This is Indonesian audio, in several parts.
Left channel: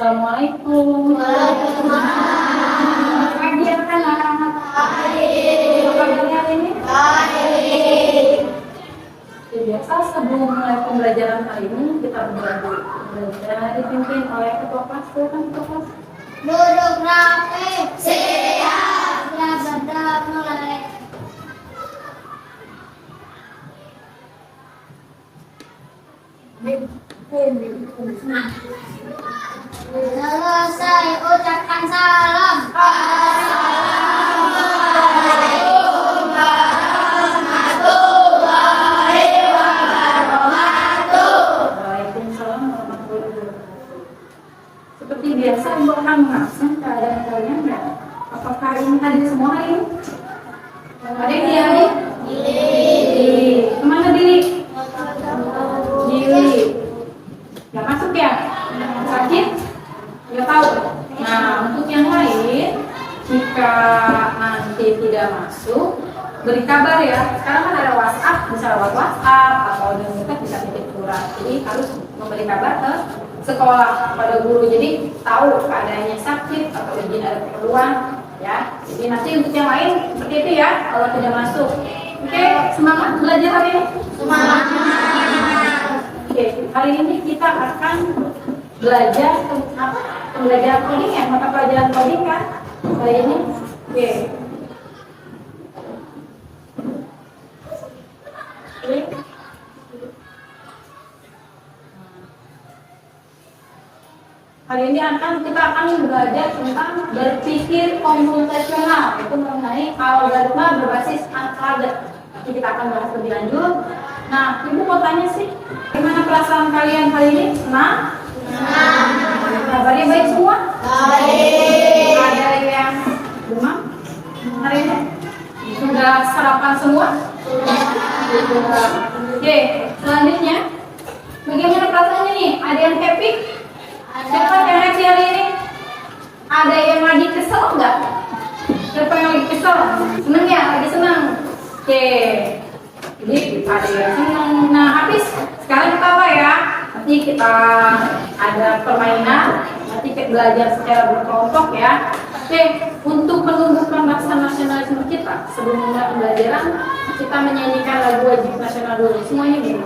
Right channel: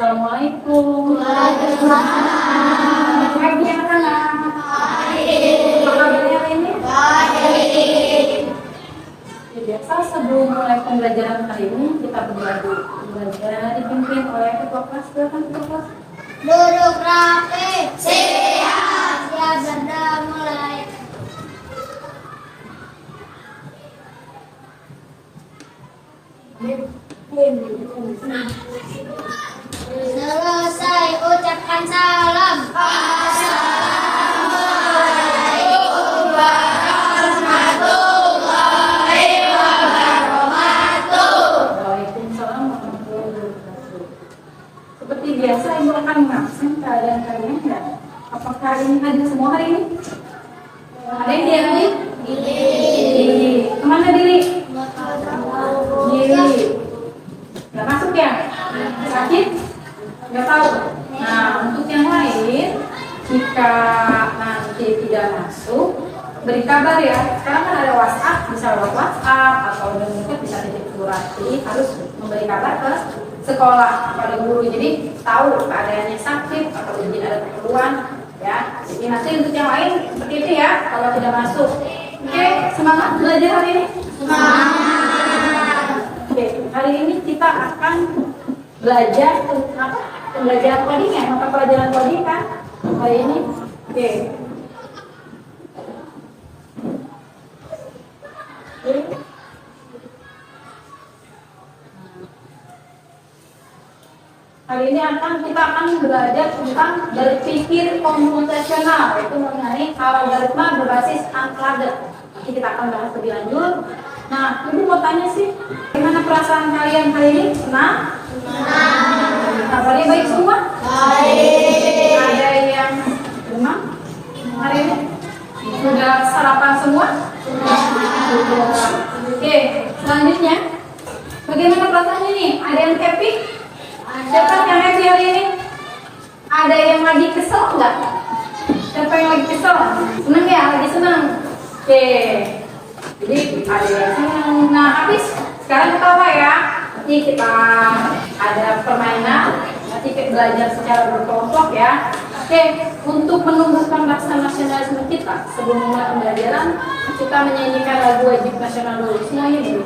Assalamualaikum. Waalaikumsalam. Pagi anak-anak. Baik. Apa kabarnya ini? Baik. Ya, biasa sebelum mulai pembelajaran hari ini kita belajar dipimpin oleh ketua kelas. Silakan ketua kelas. Duduk rapi. Siap. Siap sudah mulai. Selesai ucapkan salam. Assalamualaikum warahmatullahi wabarakatuh. Waalaikumsalam warahmatullahi wabarakatuh. Seperti biasa ibu akan mengabsen keadaan kalian ya. Apakah hari ini hadir semua hari ini? Ada yang diambil? Dili. Kemana Dili? Dili. Gak masuk ya? Sakit? Gak tahu. Nah, untuk yang lain, jika nanti tidak masuk, beri kabar ya. Sekarang kan ada WhatsApp, bisa lewat WhatsApp atau mungkin bisa titip surat. Jadi harus memberi kabar ke sekolah kepada guru. Jadi tahu keadaannya sakit atau izin ada keperluan ya. Jadi nanti untuk yang lain seperti itu ya kalau tidak masuk. Oke, semangat belajar hari ini. Semangat. Oke, hari ini kita akan belajar apa? Pembelajaran coding ya, mata pelajaran coding kan hari ini. Oke. Hari ini kita akan belajar tentang berpikir komputasional, yaitu mengenai algoritma berbasis angka. Nanti kita akan bahas lebih lanjut. Nah, ibu mau tanya sih, gimana perasaan kalian hari ini? Senang? Kabarnya baik semua? Baik. Ada yang demam hari ini? Sudah sarapan semua? Sudah. Oke, selanjutnya, bagaimana perasaannya nih? Ada yang happy? Siapa yang happy hari ini? Ada yang lagi kesel nggak? Siapa yang lagi kesel? Seneng ya? Lagi seneng? Oke. Jadi ada yang seneng. Nah, habis sekarang kita apa ya? Nanti kita ada permainan. Nanti kita belajar secara berkelompok ya. Oke, untuk menumbuhkan rasa nasionalisme kita sebelum mulai pembelajaran, kita menyanyikan lagu wajib nasional dulu. Semua ini.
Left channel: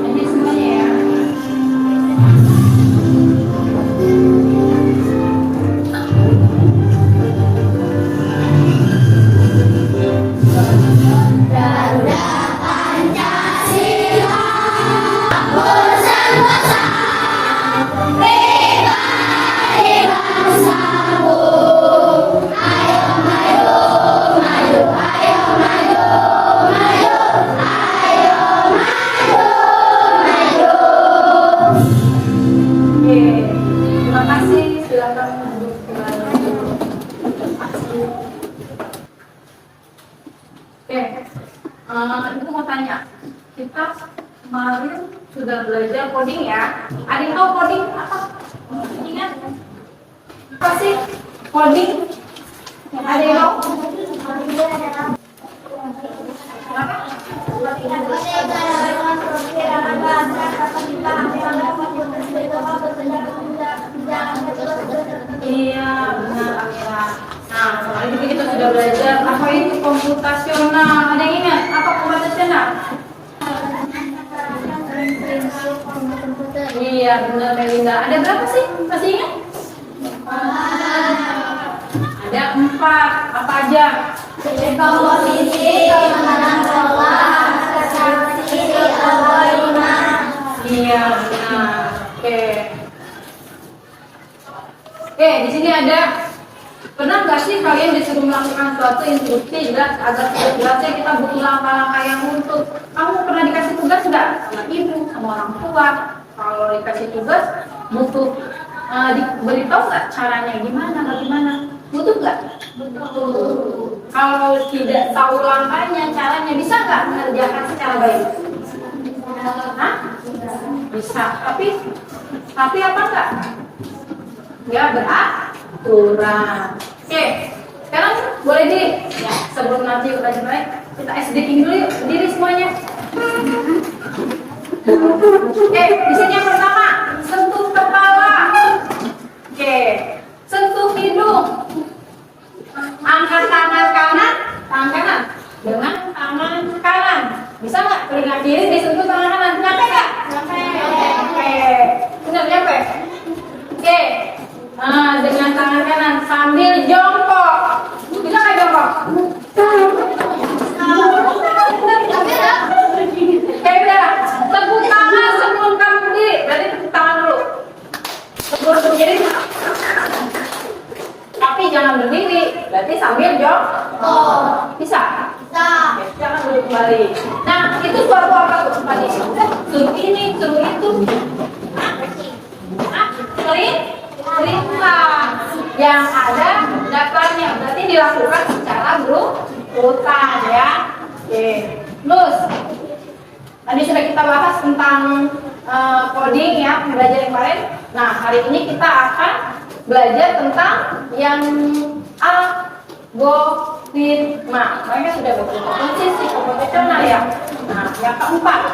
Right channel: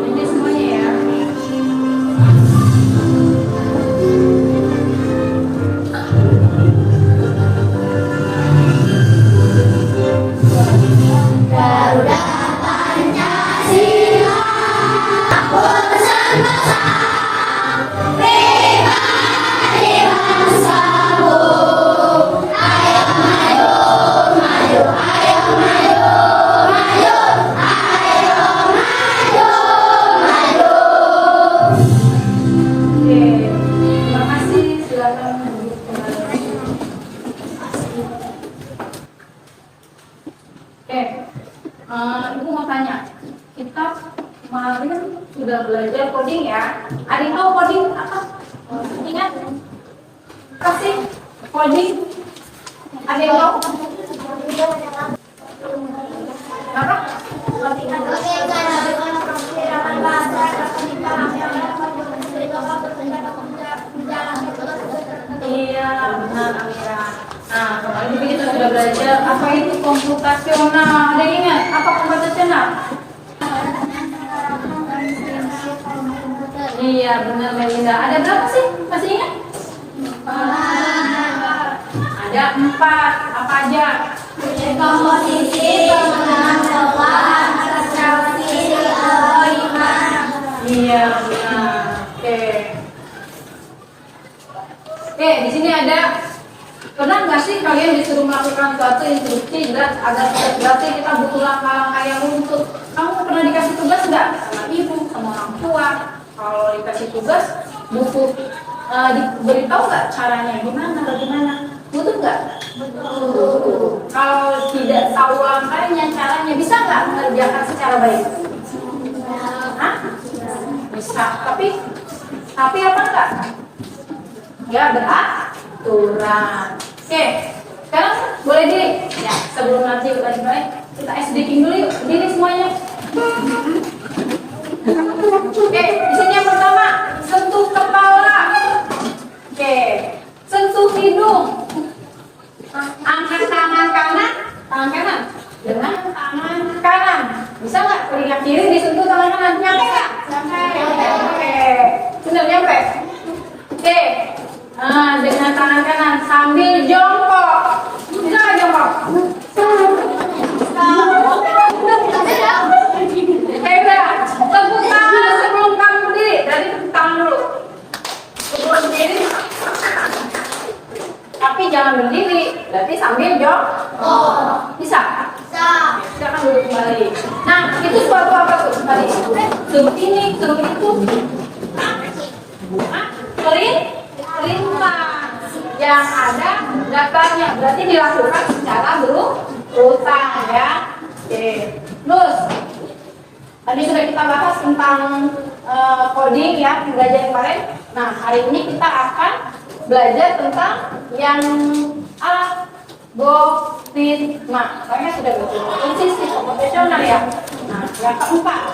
Ini semuanya ya. Garuda Pancasila, urusan bangsa, pribadi bangsamu. Ayo maju, maju, ayo maju, maju, ayo maju, maju. Oke, terima kasih. Silakan lanjut pertanyaan. Oke, ibu mau tanya, kita kemarin sudah belajar coding ya. Ada yang tahu coding apa? Ingat? Apa sih coding? Ada yang tahu? Apa? Iya, benar Amira. Nah, kemarin juga kita sudah belajar apa itu komputasional. Ada yang ingat apa komputasional? Iya, benar Melinda. Ada berapa sih? Masih ingat? Ada 4. Apa aja? Komposisi, pengenalan bawah, transaksi, algoritma. Iya, benar. Oke. Oke, di sini ada. Pernah nggak sih kalian disuruh melakukan suatu instruksi jelas agar jelasnya kita butuh langkah-langkah yang runtut? Kamu pernah dikasih tugas nggak sama ibu, sama orang tua? Kalau dikasih tugas butuh diberitahu nggak caranya gimana, bagaimana? Butuh nggak? Butuh. Kalau tidak tahu langkahnya, caranya bisa nggak mengerjakan secara baik? Hah? bisa. Tapi apa enggak? Ya, beraturan. Oke, sekarang boleh diri. Ya, sebelum nanti udah dimulai, kita SDking dulu yuk. Diri semuanya. Oke, di sini yang pertama, sentuh kepala. Oke, sentuh hidung. Angkat tangan kanan dengan tangan kanan. Bisa nggak telinga kiri disentuh tangan kanan? Nyampe nggak? Nyampe. Oke, sudah nyampe. Oke, dengan tangan kanan sambil jongkok. Bisa nggak jongkok? Oke, udah. Tepuk tangan sebelum kamu berdiri. Berarti tepuk tangan dulu. Sebelum berdiri. Tapi jangan berdiri. Berarti sambil jongkok. Bisa? Oke, silakan duduk kembali. Nah, itu suatu apa tuh tadi? Suruh ini, suruh itu. Perintah yang ada daftarnya. Berarti dilakukan secara berurutan ya. Oke. Terus tadi sudah kita bahas tentang coding ya, belajar kemarin. Nah, hari ini kita akan belajar tentang yang algoritma. Mereka sudah berkaitan sistem komputasional ya. Nah, yang keempat.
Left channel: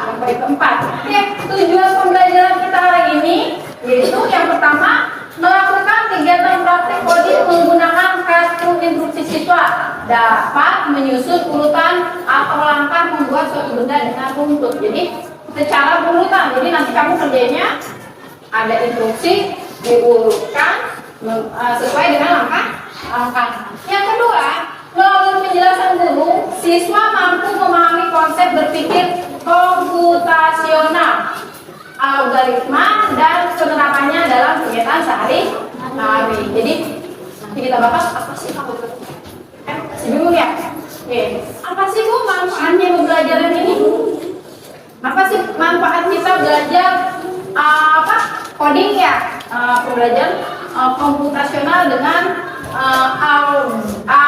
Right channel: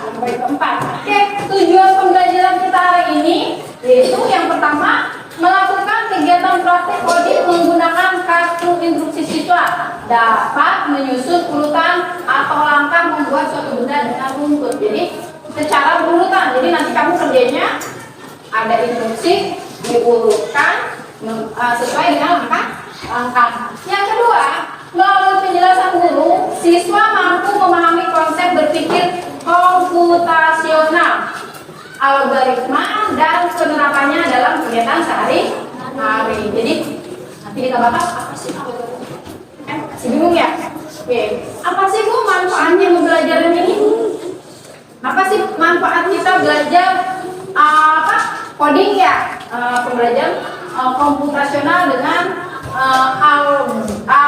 Oke, tujuan pembelajaran kita hari ini yaitu yang pertama melakukan kegiatan praktek coding menggunakan kartu instruksi siswa, dapat menyusun urutan atau langkah membuat suatu benda dengan runtut. Jadi secara berurutan. Jadi nanti kamu kerjanya ada instruksi diurutkan sesuai dengan langkah. Yang kedua, melalui penjelasan guru, siswa mampu memahami konsep berpikir komputasional, algoritma, dan penerapannya dalam kegiatan sehari-hari. Jadi nanti kita bahas apa sih algoritma? Masih bingung ya? Oke, apa sih Bu manfaatnya pembelajaran ini? Apa sih manfaat kita belajar coding ya? Pembelajaran komputasional dengan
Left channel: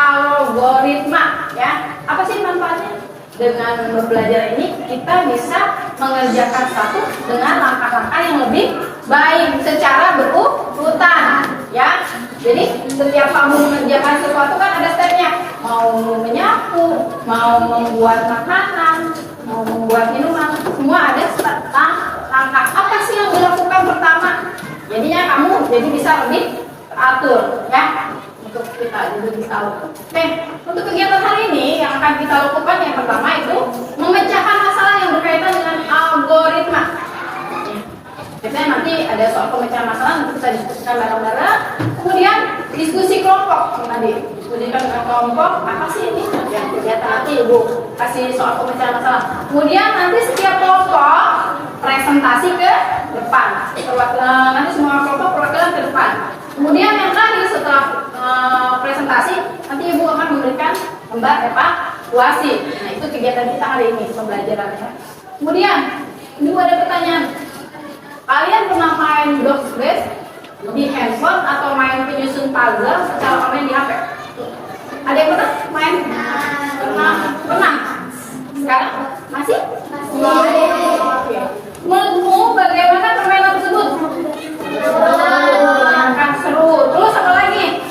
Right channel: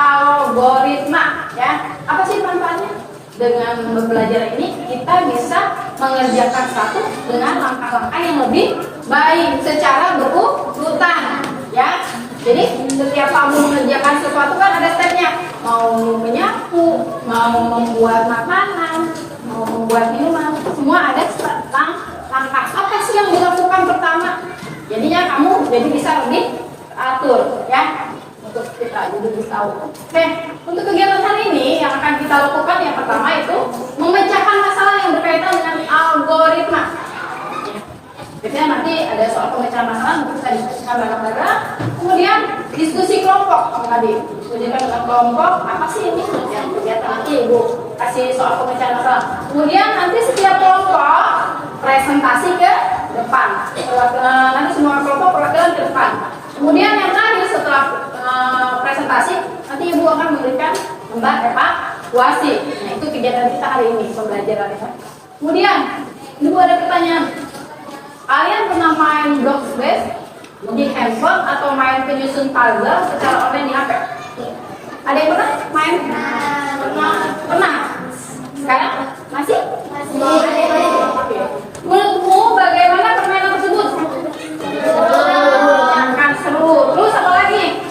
algoritma ya. Apa sih manfaatnya? Dengan belajar ini kita bisa mengerjakan satu dengan langkah-langkah yang lebih baik secara berurutan ya. Jadi setiap kamu mengerjakan sesuatu kan ada stepnya. Mau menyapu, mau membuat makanan, mau membuat minuman, semua ada langkah. Apa sih yang dilakukan pertama? Jadinya kamu jadi bisa lebih teratur ya. Untuk kita jadi bisa tahu. Oke, untuk kegiatan hari ini yang akan kita lakukan yang pertama itu memecahkan masalah yang berkaitan dengan algoritma. Biasanya nanti ada soal pemecahan masalah, nanti kita diskusikan bareng-bareng. Kemudian diskusi kelompok tadi, diskusikan dengan kelompok apa sih ini yang kegiatan nanti Ibu kasih soal pemecahan masalah. Kemudian nanti setiap kelompok presentasi ke depan. Nanti semua kelompok perwakilan ke depan. Kemudian yang tadi setelah presentasi nanti Ibu akan memberikan gambar evaluasi. Nah, itu kegiatan kita hari ini pembelajarannya. Kemudian Ibu ada pertanyaan. Kalian pernah main box base di handphone atau main penyusun puzzle secara online di HP? Ada yang pernah main? Pernah. Sekarang masih? Oke. Menurutmu bagaimana permainan tersebut? Akan seru. Terus apa lagi?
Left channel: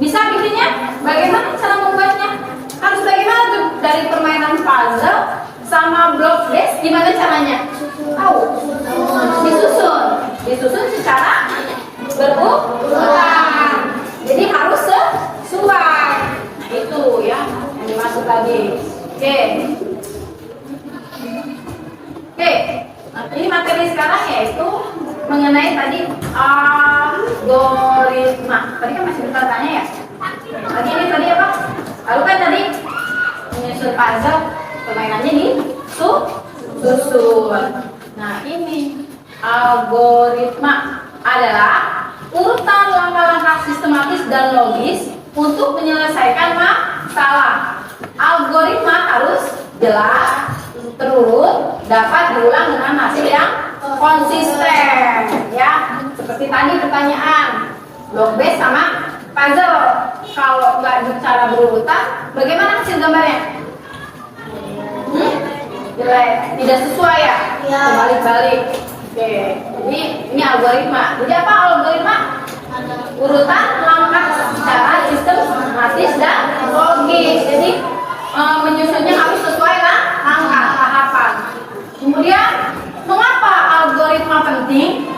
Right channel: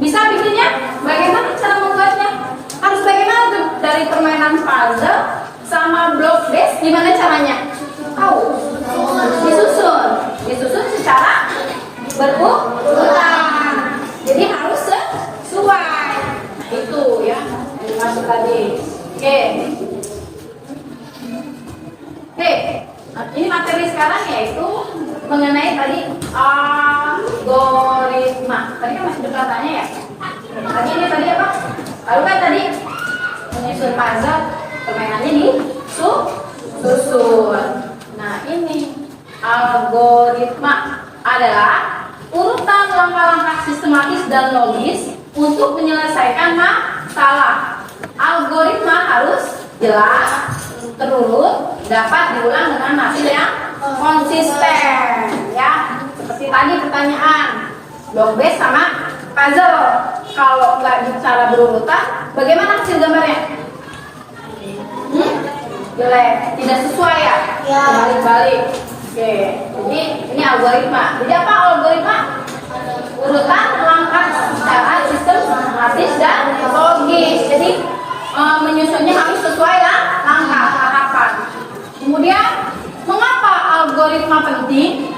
Bisa bikinnya? Bagaimana cara membuatnya? Harus bagaimana tuh dari permainan puzzle sama block base? Gimana caranya? Tahu? Disusun secara berurutan. Jadi harus sesuai. Nah itu ya yang dimaksud tadi. Oke. Nah, ini materi sekarang yaitu mengenai tadi algoritma. Tadi kan masih bertanya ya. Tadi apa? Lalu kan tadi menyusun puzzle, permainannya disusun. Nah ini algoritma adalah urutan langkah-langkah sistematis dan logis untuk menyelesaikan masalah. Algoritma harus jelas, terurut, dapat diulang dengan hasil yang konsisten ya. Seperti tadi pertanyaan block base sama puzzle. Kalau nggak bicara berurutan, bagaimana hasil gambarnya? jelek, tidak sesuai ya? Ya. Balik-balik. Oke, jadi ini algoritma. Jadi apa algoritma? Urutan langkah secara sistematis dan logis. Jadi menyusunnya harus sesuai lah langkah tahapan. Kemudian mengapa algoritma penting?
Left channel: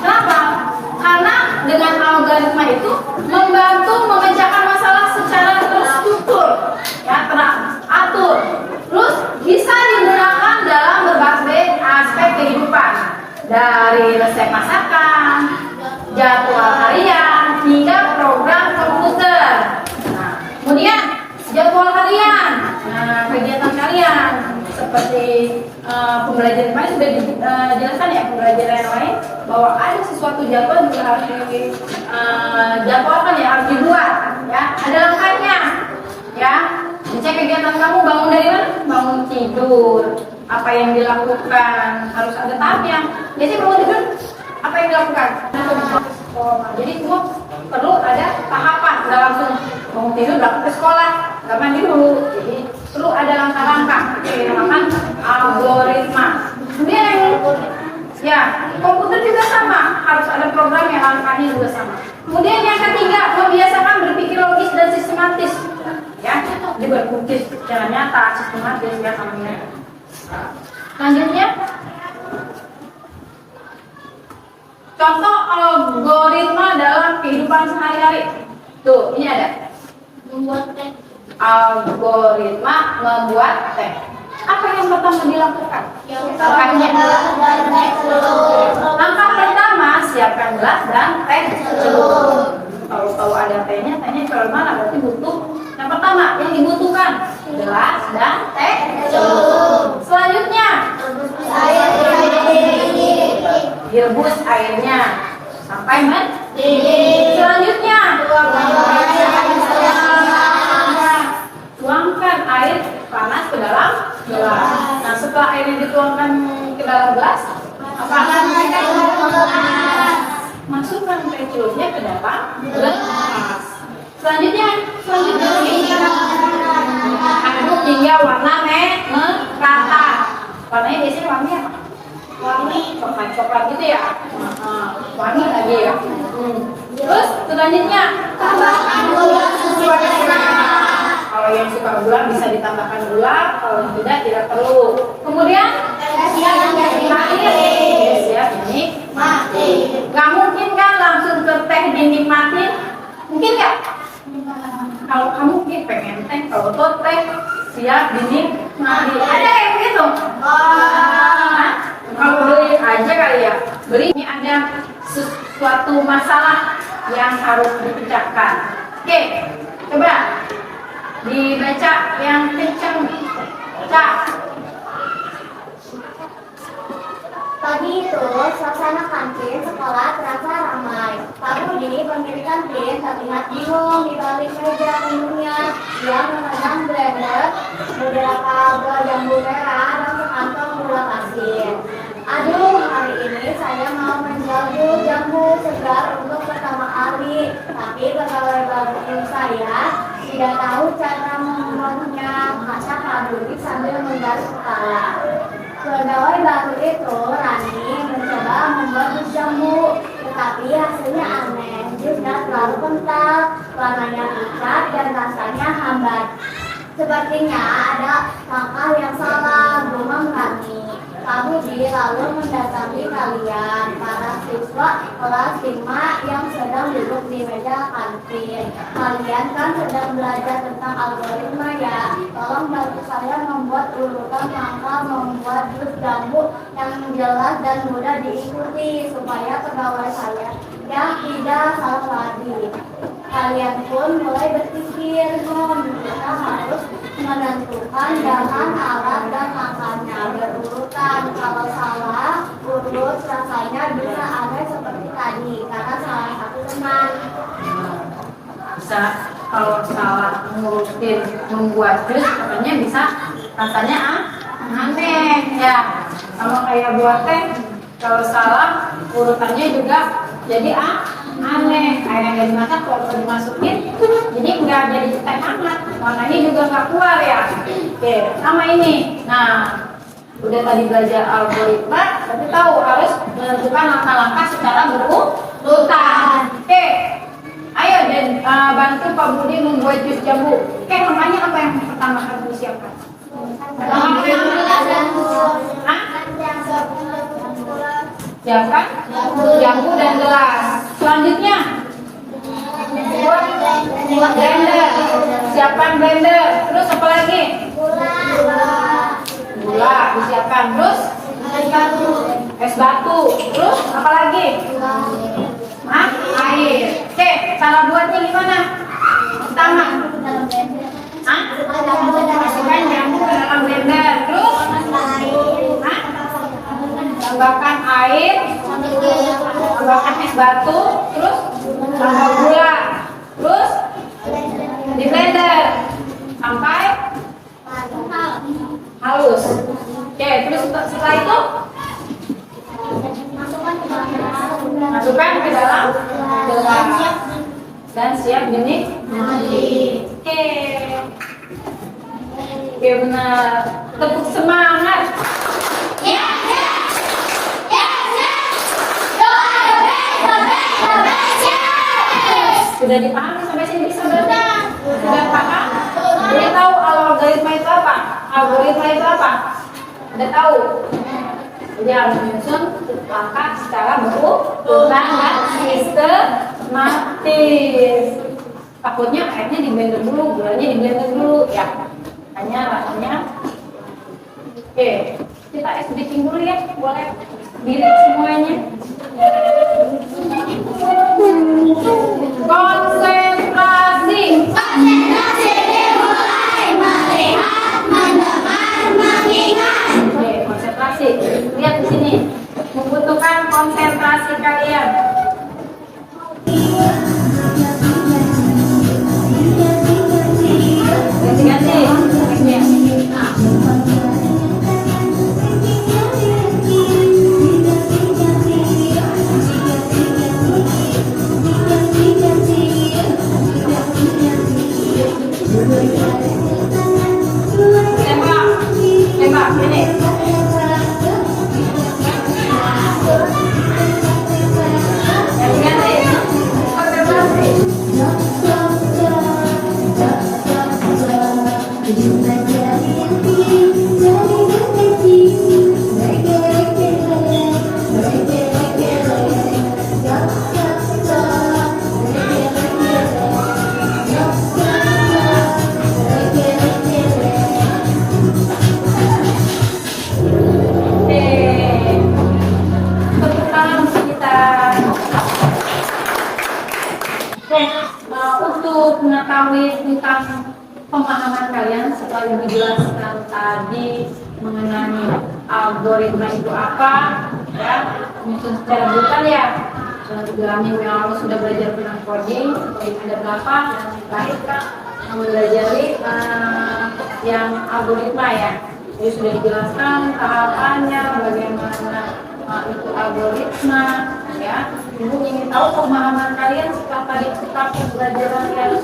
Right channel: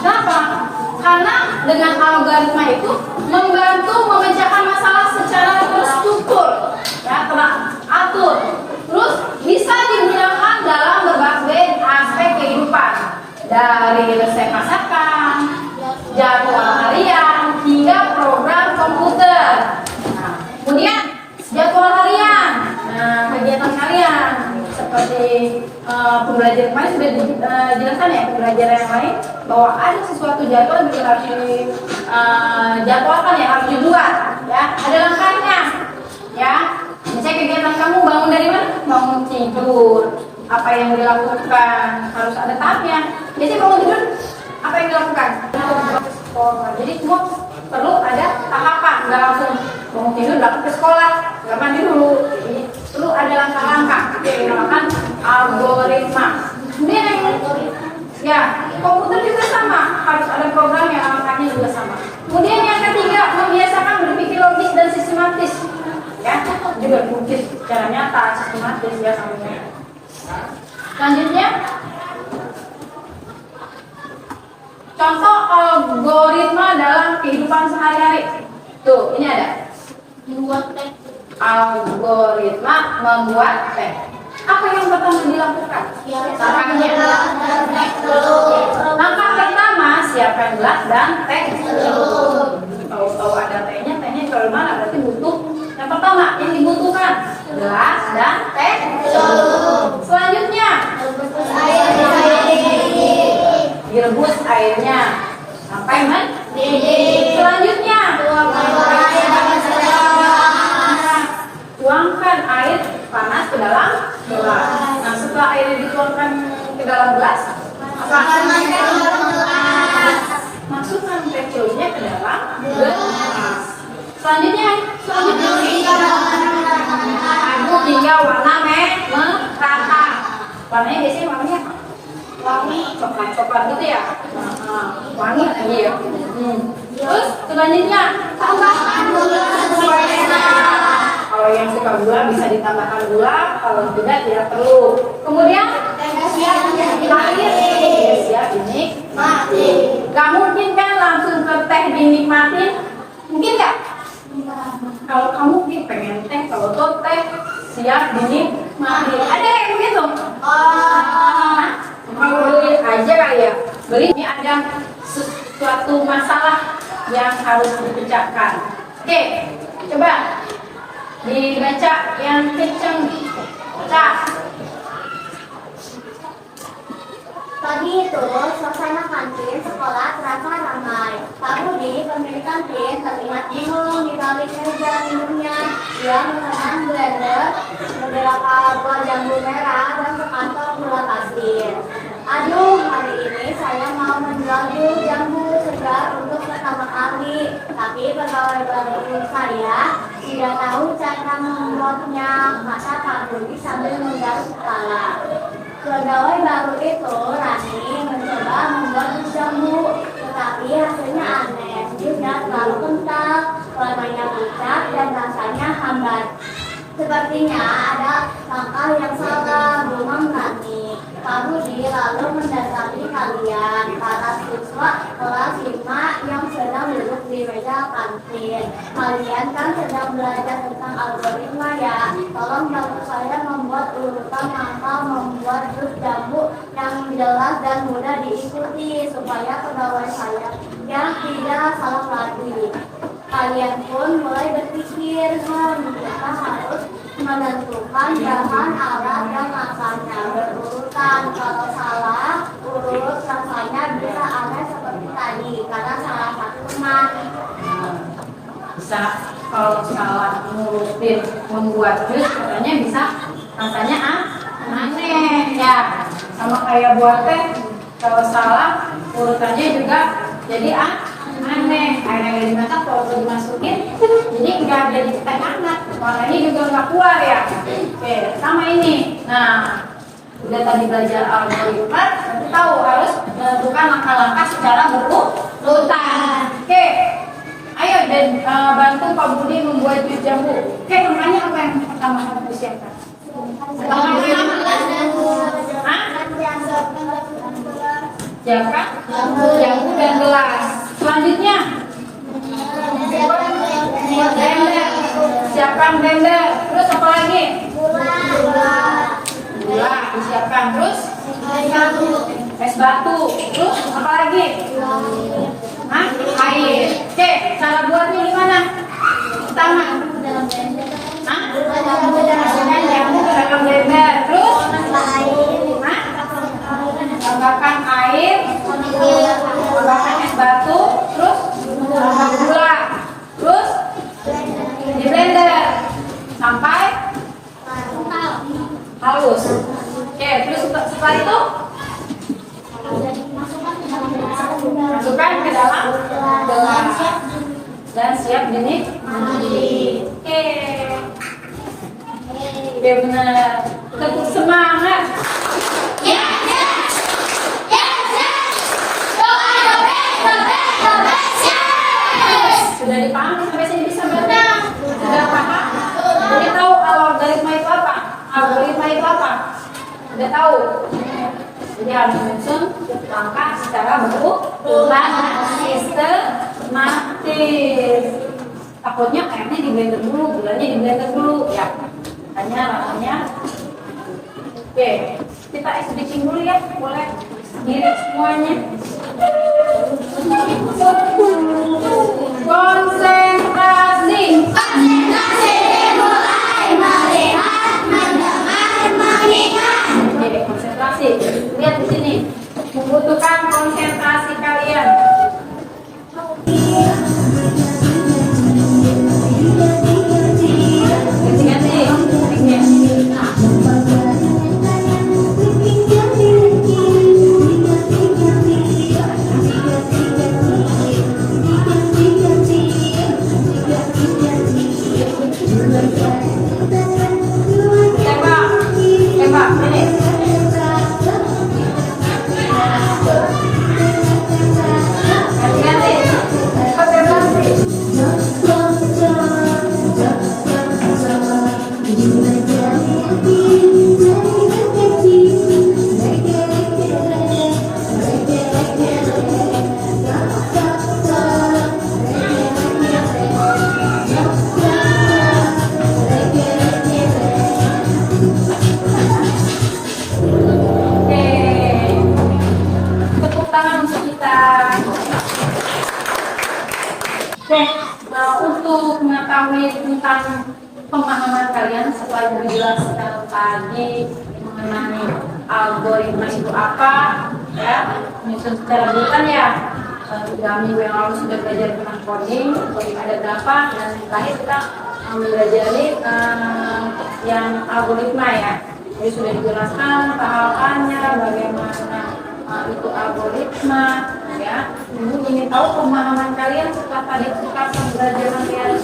Kenapa? Karena dengan algoritma itu membantu memecahkan masalah secara terstruktur, ya, teratur. Terus bisa digunakan dalam berbagai aspek kehidupan, dari resep masakan, jadwal harian, hingga program komputer. Nah, kemudian jadwal harian, kegiatan kalian seperti pembelajaran kemarin sudah dijelaskan ya, pembelajaran yang lain bahwa ada sesuatu jadwal juga harus dijadwalkan ya, harus dibuat ya, ada langkahnya ya. Misalnya kegiatan kamu bangun dari mana? Bangun tidur, apa yang dilakukan harus ada tahapnya. Biasanya bangun tidur apa yang dilakukan? Jadi semua perlu ada tahapan, nggak langsung bangun tidur berangkat ke sekolah, nggak mandi dulu. Jadi perlu ada langkah-langkah, itu yang dinamakan algoritma. Kemudian ya, komputer juga sama, harus ada program yang langkahnya juga sama. Kemudian yang ketiga, membiasakan berpikir logis dan sistematis. Ya, jadi berpikir secara nyata, sistematis ya sampai. Selanjutnya, contoh algoritma dalam kehidupan sehari-hari. Tuh, ini ada. Membuat teh. Algoritma membuat teh. Apa yang pertama dilakukan? Langkah pertama, siapkan gelas dan teh celup. Kalau tahu ada tehnya kalau mana berarti butuh. Yang pertama yang dibutuhkan gelas dan teh celup. Selanjutnya direbus airnya sampai mendidih. Selanjutnya tuangkan air panas ke dalam gelas. Nah, setelah airnya dituangkan ke dalam gelas, masukkan teh celupnya ke dalam gelas. Selanjutnya aduk hingga warna merata. Warnanya biasanya wangi apa? Wangi coklat gitu ya. Wangi lagi ya. Terus selanjutnya tambahkan gula sesuai selera. Kalau yang suka gula bisa ditambahkan gula, kalau tidak perlu. Kemudian ini mati. Gak mungkin kan langsung ke teh dinikmatin? Mungkin gak? Kalau kamu mungkin pengen teh, kalau tuh teh siap dinikmati. Ada yang begitu? Kalau beli aja kali ya. Beli ini ada sesuatu masalah yang harus dipecahkan. Oke, coba dibaca yang kencang. Pagi itu, suasana kantin sekolah terasa ramai. Pak Budi, pemilik kantin, terlihat bingung di balik meja minumnya. Dia mengenang blender, beberapa buah jambu merah, dan sekantong gula pasir. Aduh, hari ini saya mau menjual jambu segar untuk pertama kali. Tapi pegawai baru saya tidak tahu cara membuatnya, kata Pak Budi sambil menggaruk kepala. Pegawai baru itu, Rani, mencoba membuat jus jambu, tetapi hasilnya aneh. Jusnya terlalu kental, warnanya pucat, dan rasanya hambar. Sepertinya ada langkah yang salah, gumam Rani. Pak Budi lalu mendatangi kalian, para siswa kelas 5 yang sedang duduk di meja kantin. Kalian kan sedang belajar tentang algoritma ya. Tolong bantu saya membuat urutan langkah membuat jus jambu yang jelas dan mudah diikuti supaya pegawai saya yang tidak salah lagi. Kalian pun mulai berpikir, kita harus menentukan bahan, alat, dan langkahnya berurutan. Kalau salah urut, rasanya bisa aneh seperti tadi karena salah satu teman. Bisa kalau salah ngurutin membuat jus katanya bisa rasanya aneh ya. Sama kayak buat teh, kalau salah urutannya juga jadi aneh. aneh, air yang nggak dimasak kalau dimasukin jadi nggak jadi teh hangat, warnanya juga nggak keluar ya. Oke, sama ini. Nah, udah tadi belajar algoritma, berarti tahu harus menentukan langkah-langkah secara berurutan. Oke, ayo dan bantu Pak Budi membuat jus jambu. Oke, langkahnya apa yang pertama harus disiapkan? Siapkan jambu dan gelas. Selanjutnya blender. Siapkan blender. Terus apa lagi? Gula disiapkan. Terus es batu. Terus apa lagi? Air. Oke, cara buatnya gimana? Pertama, masukkan jambu ke dalam blender. Terus tambahkan air, tambahkan es batu, terus tambah gula, terus di blender sampai halus. Oke, terus setelah itu masukkan ke dalam gelas dan siap dinikmati. Oke, benar. Tepuk semangat. Sudah dipahami sampai sini bisa benar? Sudah paham? Jadi tahu algoritma itu apa? Algoritma itu apa? Sudah tahu? Jadi harus menyusun langkah secara berurutan dan sistematis. Takutnya airnya di blender dulu, gulanya di blender dulu, ya. Hanya rasanya. Oke, kita switching dulu ya, boleh sendiri semuanya. Konsentrasi. Dimulai melihat, mendengar, mengingat. Oke, konsentrasi. Lihat di sini. Membutuhkan konsentrasi kalian. Ganti-ganti. Tembak, ini. Ganti-ganti. Tepuk tangan untuk kita. Untuk mengetahui tentang pemahaman kalian setelah dijelaskan tadi mengenai algoritma itu apa, ya, menyusun secara berurutan ya. 3 minggu yang lalu sudah belajar tentang coding ada berapa, dan terakhir kita mempelajari yang algoritma ya. Jadi sudah dijelaskan tahapannya, bagaimana itu algoritma, ya. Ibu ingin tahu pemahaman kalian setelah tadi tetap pembelajaran yang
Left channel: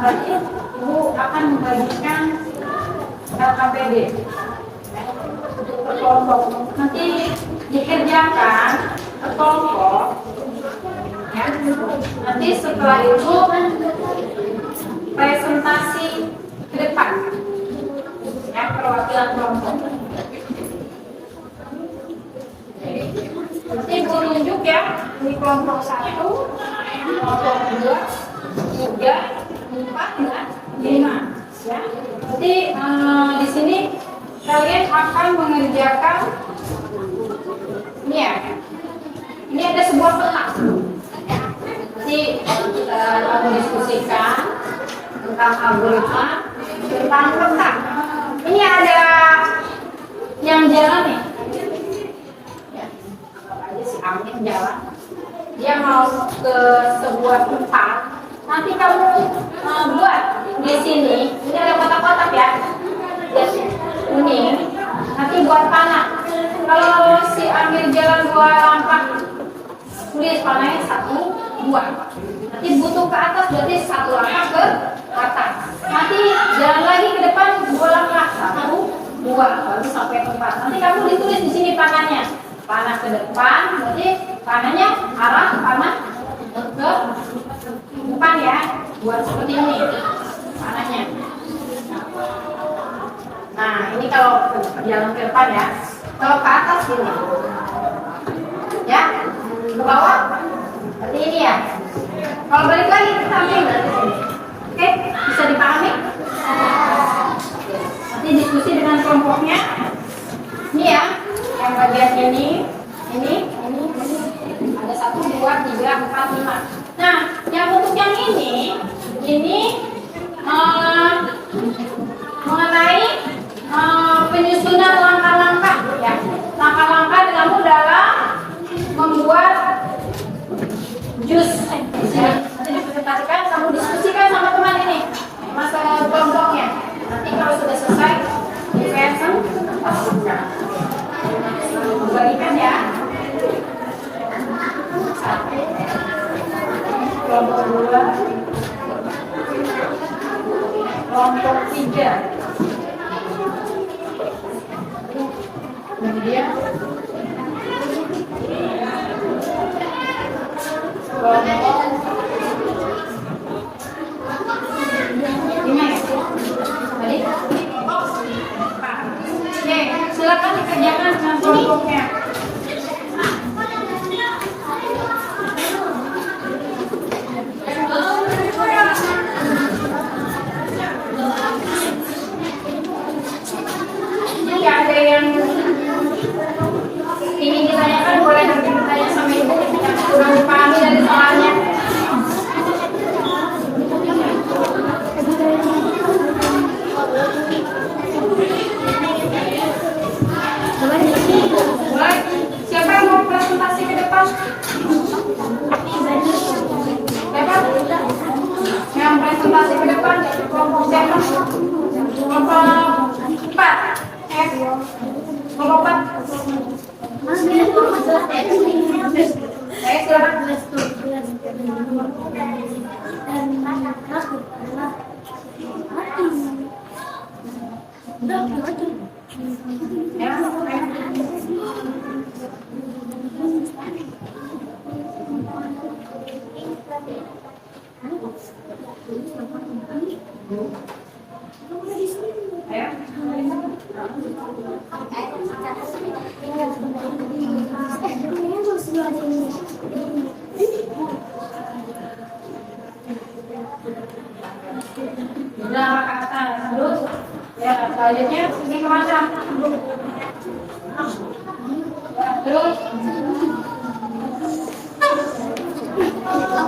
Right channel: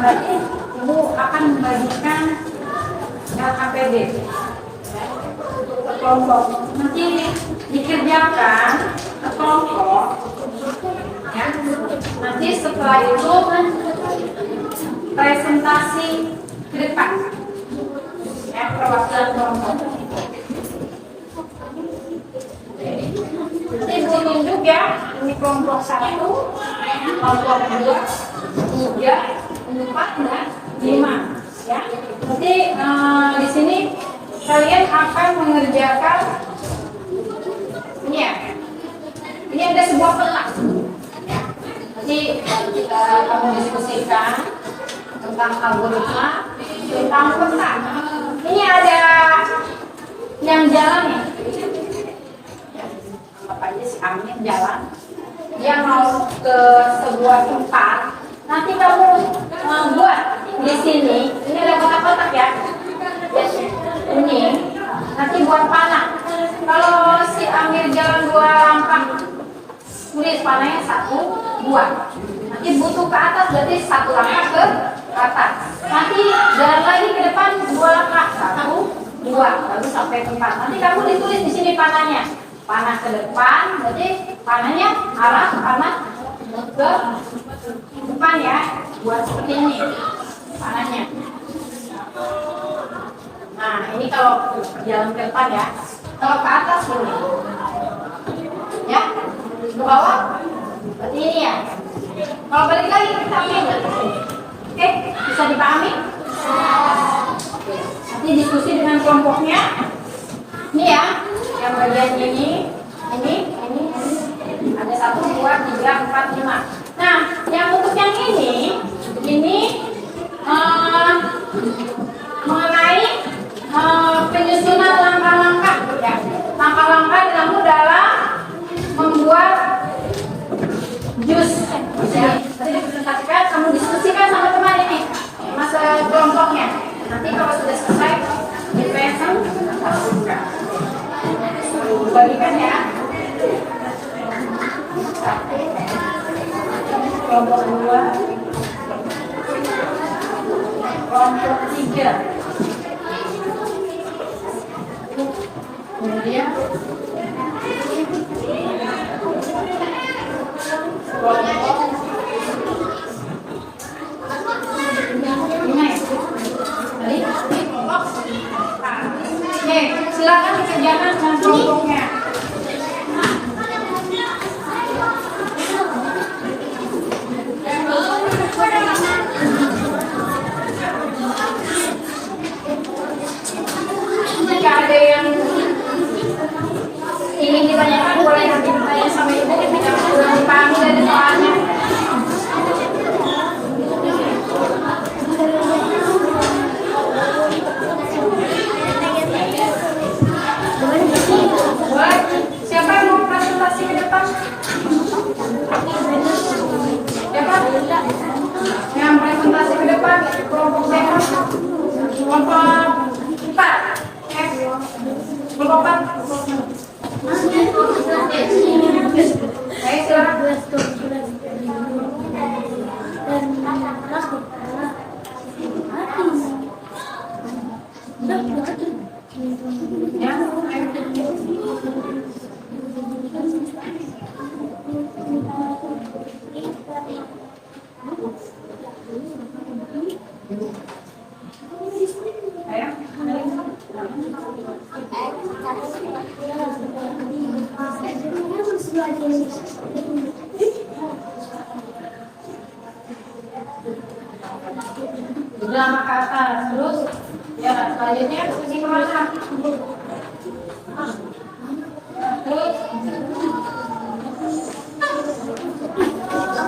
tadi. Ibu akan membagikan LKPD ke kelompok. Nanti dikerjakan ke kelompok, ya. Nanti setelah itu presentasi ke depan, ya, perwakilan kelompok. Nanti ibu tunjuk ya, ini kelompok 1, kelompok 2, 3, 4, dan 5, ya. Nanti di sini kalian akan mengerjakan ini ya. Ini ada sebuah peta. Nanti kita akan diskusikan tentang algoritma, tentang peta. Ini ada yang jalan nih. Si Amin jalan, dia mau ke sebuah tempat. Nanti kamu buat di sini. Ini ada kotak-kotak ya. Ini nanti buat panah. Kalau si Amir jalan 2 langkah, tulis panahnya 1, 2. Nanti butuh ke atas berarti 1 langkah ke atas. Nanti jalan lagi ke depan 2 langkah, 1, 2, baru sampai tempat. Nanti kamu ditulis di sini panahnya. Panah ke depan, berarti panahnya arah panah ke depan ya. Buat seperti ini panahnya. Nah, ini kalau jalan ke depan ya. Kalau ke atas gini. Ya, ke bawah. Berarti ini ya. Kalau balik lagi ke samping berarti sini. Oke, bisa dipahami? Oke. Nanti diskusi dengan kelompoknya. Ini ya, yang bagian ini. Ada 1, 2, 3, 4, 5. Nah, yang untuk yang ini mengenai penyusunan langkah-langkah ya. Langkah-langkah dalam membuat jus. Nanti dipresentasikan, kamu diskusikan sama teman ini masa kelompoknya. Nanti kalau sudah selesai di present bagikan ya. Kelompok 2, kelompok 3. Kemudian kelompok 5 ya. Tadi? Oke, silakan dikerjakan dengan kelompoknya. Jika ada yang ingin ditanyakan boleh nanti bertanya sama ibu yang kurang dipahami dari soalnya. Boleh. Siapa yang mau presentasi ke depan? Siapa? Yang presentasi ke depan kelompok siapa? Kelompok 4. Kelompok 4. Ayo silakan. Ya, jalan ke atas terus ya, selanjutnya ini kemana? Ya, terus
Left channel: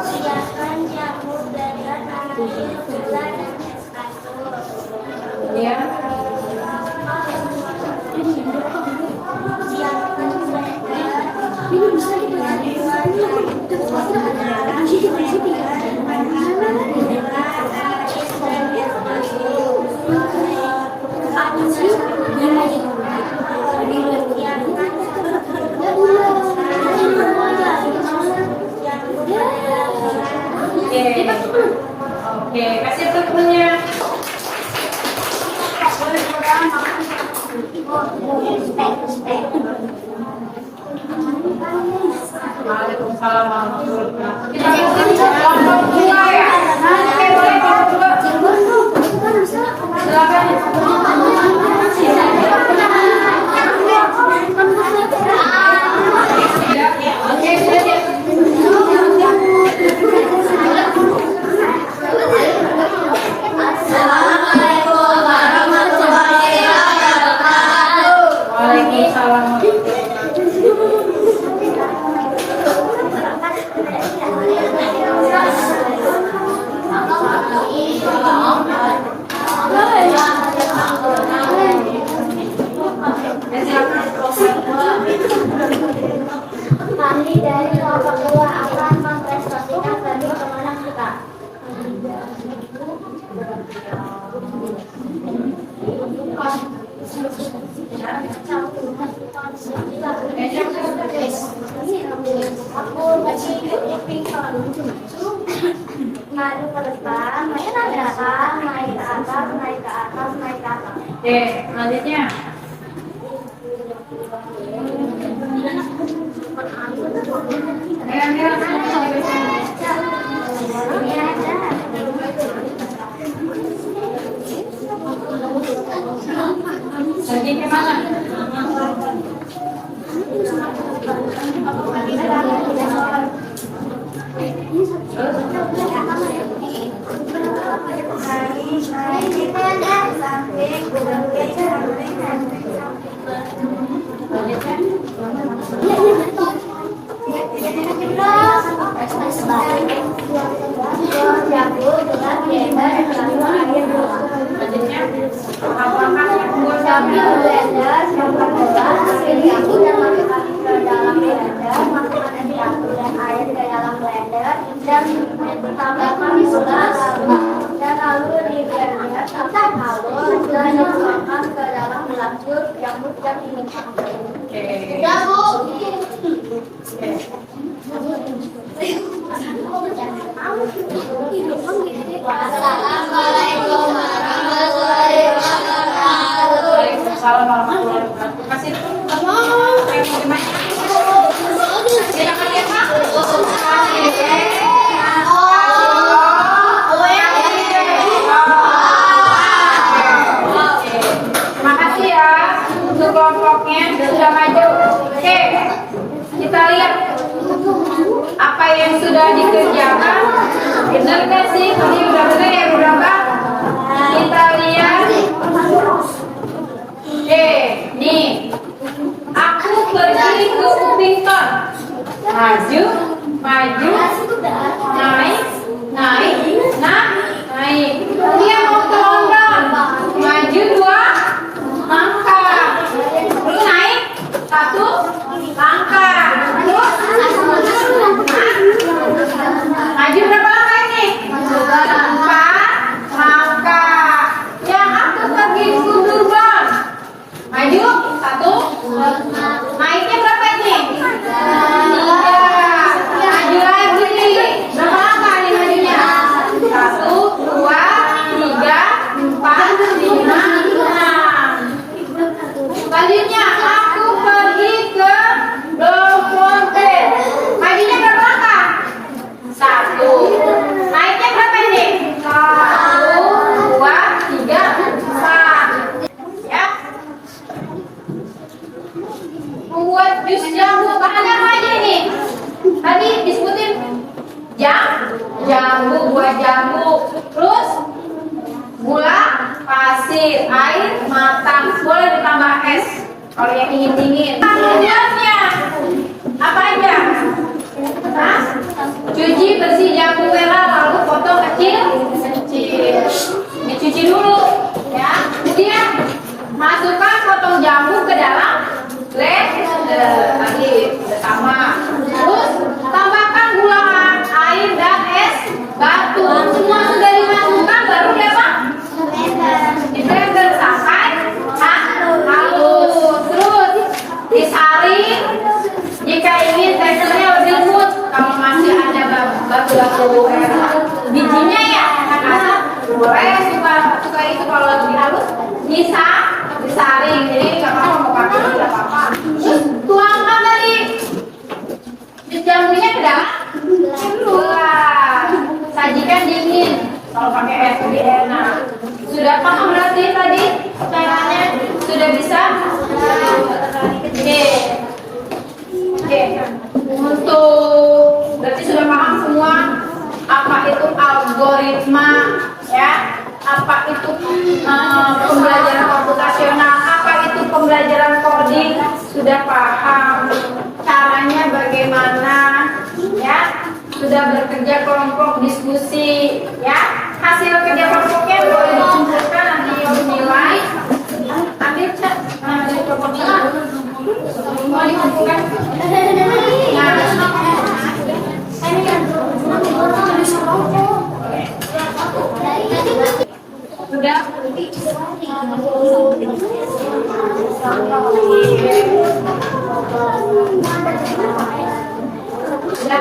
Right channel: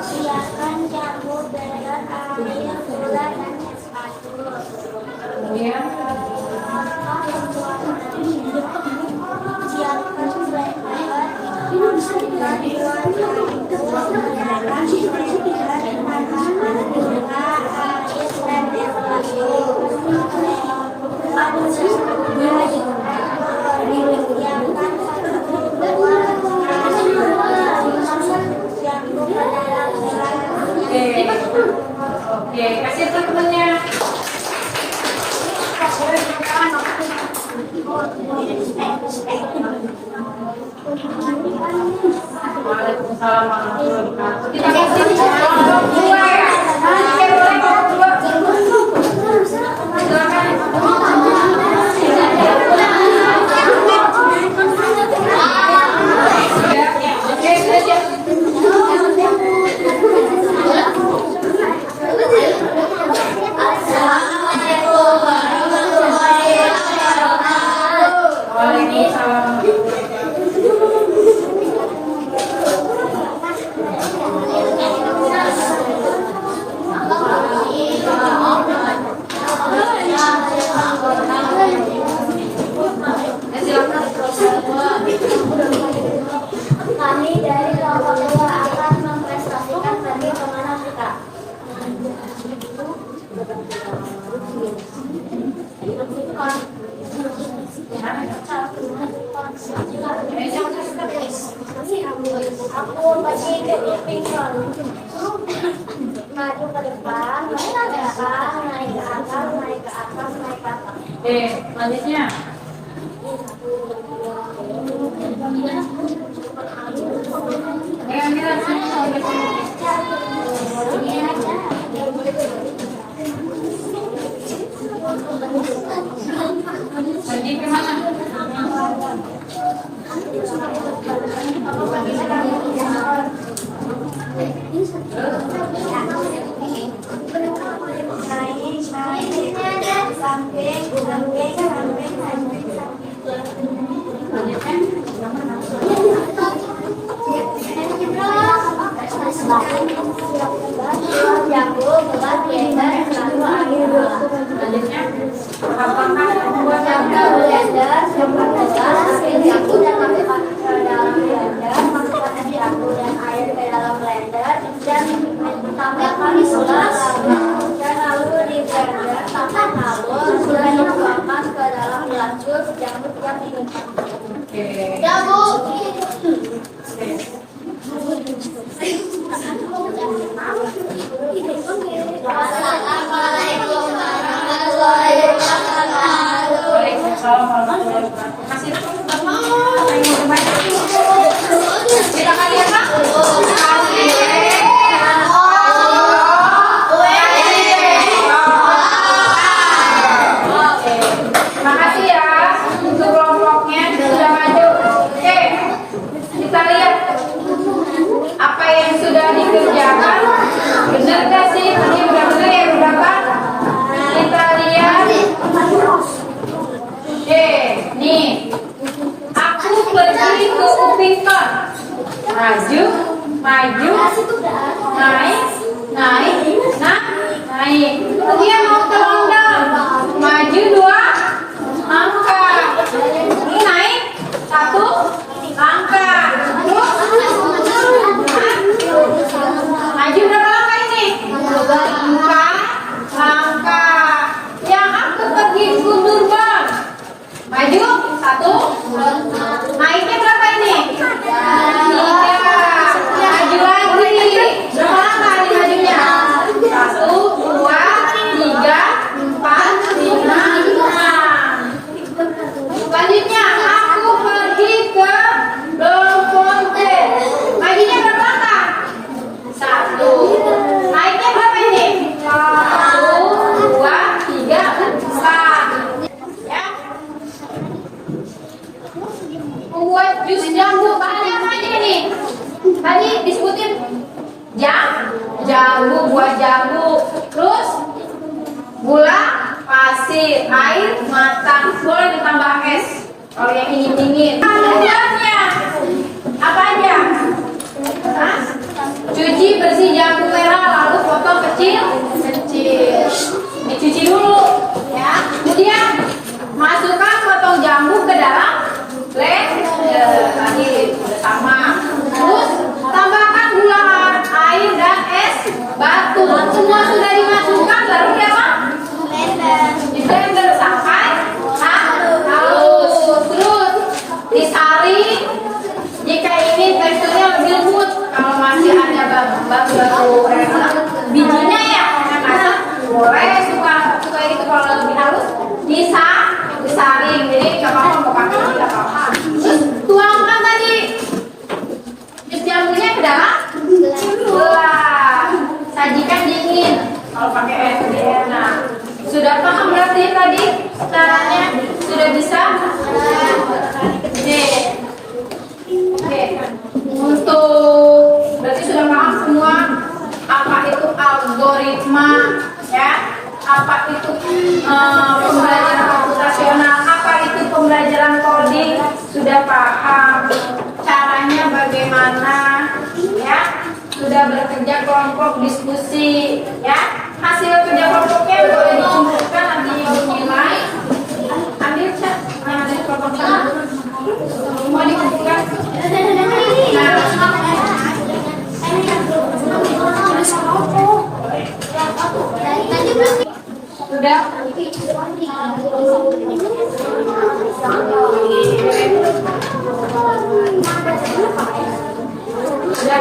Siapkan cabut belajar air, gula dan es batu. kemudian Siapkan blender, bantuan gula, air dan es batu. Siapkan Oke, kasih tentunya. Waalaikumsalam warahmatullahi wabarakatuh. Kita kasih kelompok 2 ya. Kelompok 2. Silakan. Oke, belajar. Assalamualaikum warahmatullahi wabarakatuh. Waalaikumsalam. Kami dari kelompok 2 akan mempresentasikan pergi kemana kita. Pintar. Maju ke depan, naik ke atas, naik ke atas, naik ke atas, naik ke atas. Oke, selanjutnya. Pergi ke mana? Dan tambahkan gula dan lalu di blender tambah halus dan dituangkan ke dalam gelas jus jamur yang diminta. Oke. Ya Bu. Assalamualaikum warahmatullahi wabarakatuh. Waalaikumsalam warahmatullahi wabarakatuh. Kasih dulu. Kita kalian Pak. Makasih ya untuk kelompoknya sudah maju. Oke, kita lihat apa yang sudah dikerjakan. Benar nggak sih? Tadi udah benar ya berapa? Kita lihat. Oke, nih. Aku pergi ke Upington. Maju, maju, naik, naik, naik. Dia mau ke London. Maju 2 langkah. Lu naik 1 langkah. Terus maju berapa langkah ini? 4 langkah. Yang aku pergi ke Durban. Maju 1. Naiknya berapa ini? 3. Maju lagi. Berapa langkah ini majunya? 1, 2, 3, 4, 5, 6. Selanjutnya aku pergi ke Bloemfontein. Majunya berapa langkah? 1. Naiknya berapa ini? 1, 2, 3, 4. Ya. Membuat jus jambu. Bahannya apa aja ini? Tadi disebutin jambu, buah jambu. Terus gula, pasir, air matang. Boleh ditambah es kalau yang ingin dingin. Tujuannya apa aja? Hah? Cuci bersih jambu merah, lalu potong kecil. Dicuci dulu, ya. Kemudian masukkan potong jambu ke dalam blender. Tadi sudah sama. Terus tambahkan gula, air dan es batu. Semua sudah dimasukkan, baru apa? Di blender sampai halus. Terus disaring. Jika ingin teksturnya lebih lembut, kalau masih ada batu-batu bijinya ya, kasar. Boleh suka itu kalau lebih halus bisa disaring. Jadi nggak apa-apa mau pakai tidak apa-apa. Terus tuangkan tadi jus jambunya ke dalam gelas. Sajikan dingin. Kalau pakai es lebih enak. Sudah paham berarti tadi caranya? Sudah bisa? Oke. Oke. Untuk berarti sudah paham semua apa itu algoritma, ya? Apa itu pembelajaran komputasional? Apa itu pembelajaran coding? Sudah paham caranya bagaimana, ya? Sudah bekerja kelompok diskusi, ya? Hasil kerja kelompoknya boleh dikumpulkan nanti nilai. Ambil cat, hasil kelompoknya. Mau dikumpulkan? Sudah? Sudah?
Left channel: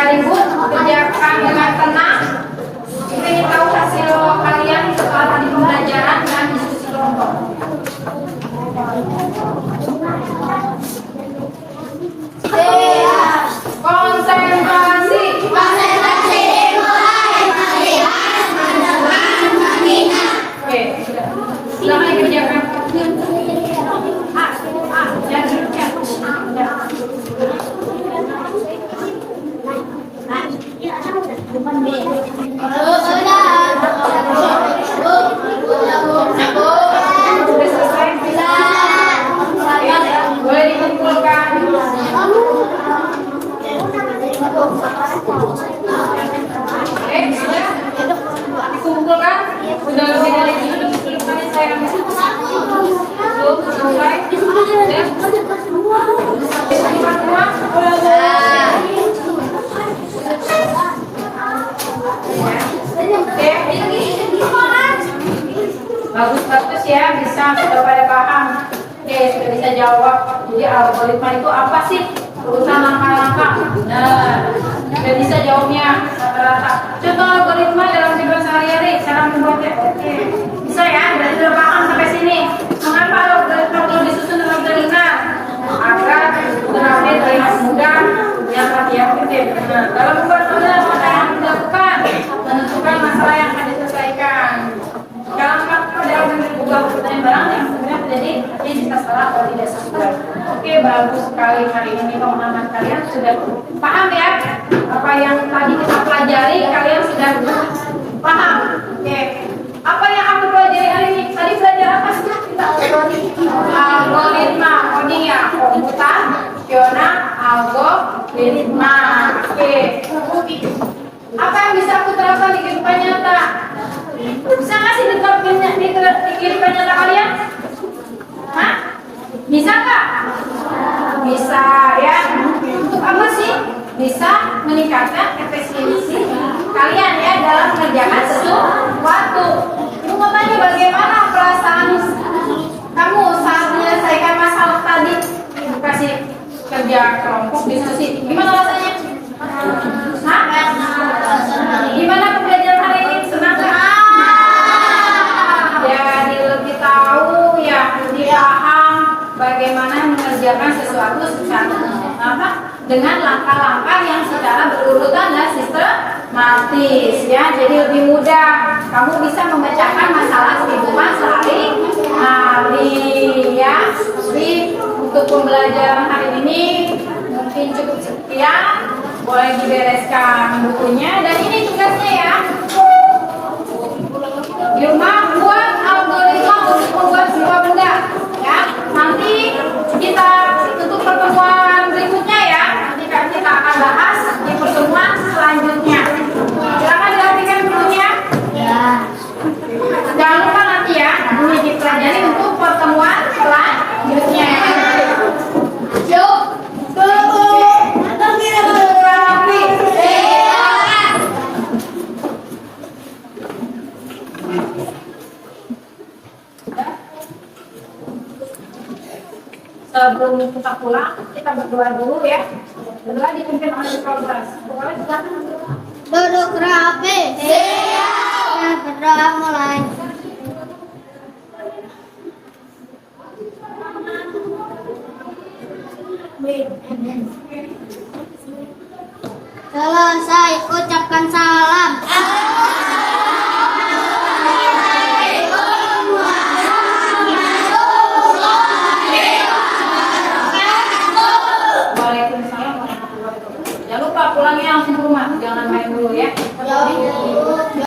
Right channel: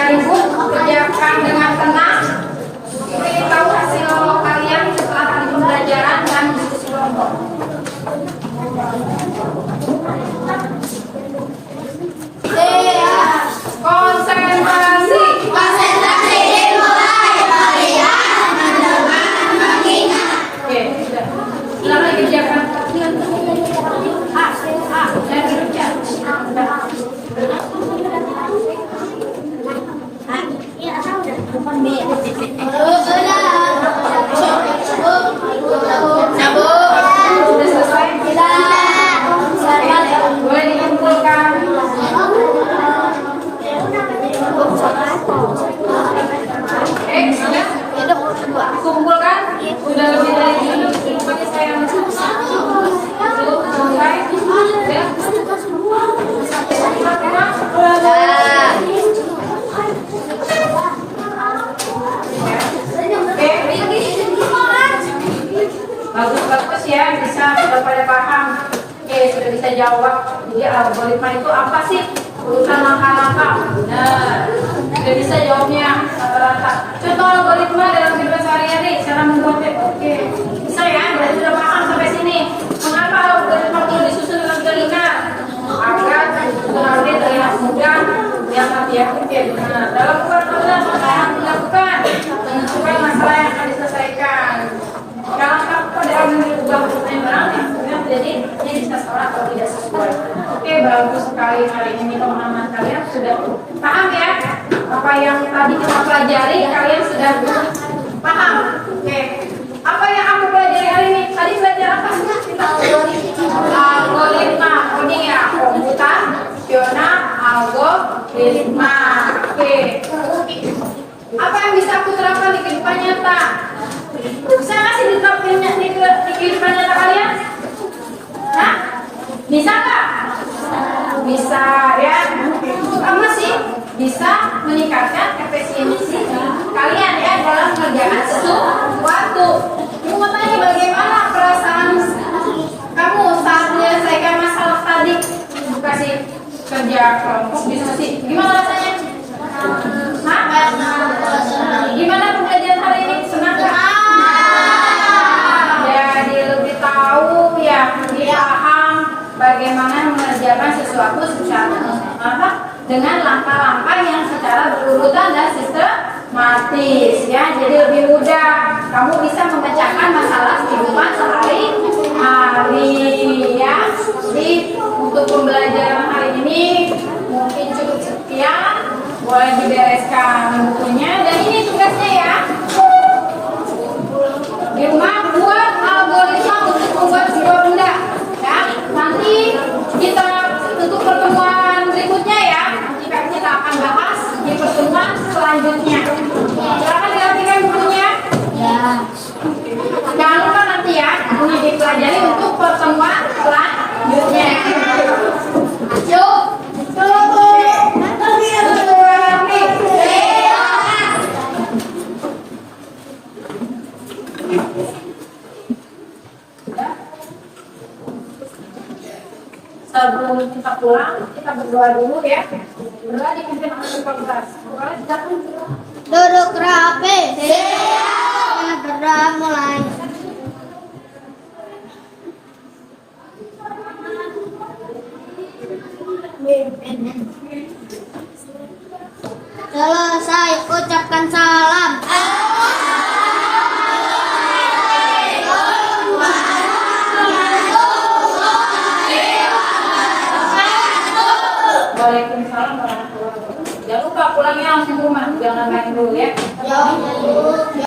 Gak ribut, kerjakan dengan tenang. Kita ingin tahu hasil kalian setelah tadi pembelajaran dan diskusi kelompok. Konsentrasi. Konsentrasi dimulai melihat, mendengar, mengingat. Oke, sudah. Silakan dikerjakan. Jangan dikerja. Sudah selesai. Boleh dikumpulkan. Sudah dikumpulkan. Sudah lebih dari itu. Lupa saya yang selesai. Bagus ya, bisa sudah pada paham. Oke, sudah bisa jawab. Jadi algoritma itu apa sih? Urusan langkah-langkah. Benar. Sudah bisa jawabnya rata-rata. Contoh algoritma dalam kehidupan sehari-hari, cara membuatnya. Oke, bisa ya. Berarti sudah paham sampai sini. Mengapa algoritma perlu disusun dalam telinga? Agar terlebih terlihat mudah yang efektif. Benar. Dalam membuat keputusan apa yang dilakukan? Menentukan masalah yang akan diselesaikan. Kalau dalam mengubah pertanyaan barang yang sebenarnya terjadi, dia bisa salah atau tidak sesuai. Oke, bagus sekali hari ini teman-teman, kalian sudah paham ya apa yang tadi kita pelajari, kalian sudah paham. Oke, apa yang aku pelajari hari ini? Tadi belajar apa sih kita? Algoritma, coding ya, komputasional algoritma. Oke, apa yang bisa aku terapkan di kehidupan nyata? Bisa nggak sih diterapkan di kehidupan nyata kalian? Hah? Bisa nggak? Bisa ya. Apa sih? Bisa meningkatkan efisiensi kalian ya dalam mengerjakan sesuatu. Mau tanya bagaimana perasaan kamu saat menyelesaikan masalah tadi? Kasih kerja kelompok diskusi. Gimana rasanya? Hah? Gimana pembelajaran hari ini? Senang nggak? Jadi lebih tahu ya, lebih paham bagaimana mengerjakan sesuatu secara dengan langkah-langkah yang secara berurutan dan sistematis ya. Jadi lebih mudah kamu bisa memecahkan masalah kehidupan sehari-hari ya. Jadi untuk pembelajaran hari ini mungkin cukup sekian. Boleh dibereskan bukunya dan ini tugasnya ya. Di rumah buat algoritma untuk membuat sebuah benda ya. Nanti kita untuk pertemuan berikutnya ya. Nanti kita akan bahas di pertemuan selanjutnya. Silakan diartikan bukunya. Ya. Jangan lupa nanti ya ini dipelajari untuk pertemuan selanjutnya. Yuk. Sebelum kita pulang, kita berdoa dulu ya. Berdoa dipimpin oleh fakultas. Boleh silakan. Duduk rapi. Siap. Berdoa mulai. Selesai, ucapkan salam. Waalaikumsalam warahmatullahi wabarakatuh. Jangan lupa pulangnya langsung ke rumah, jangan main dulu ya.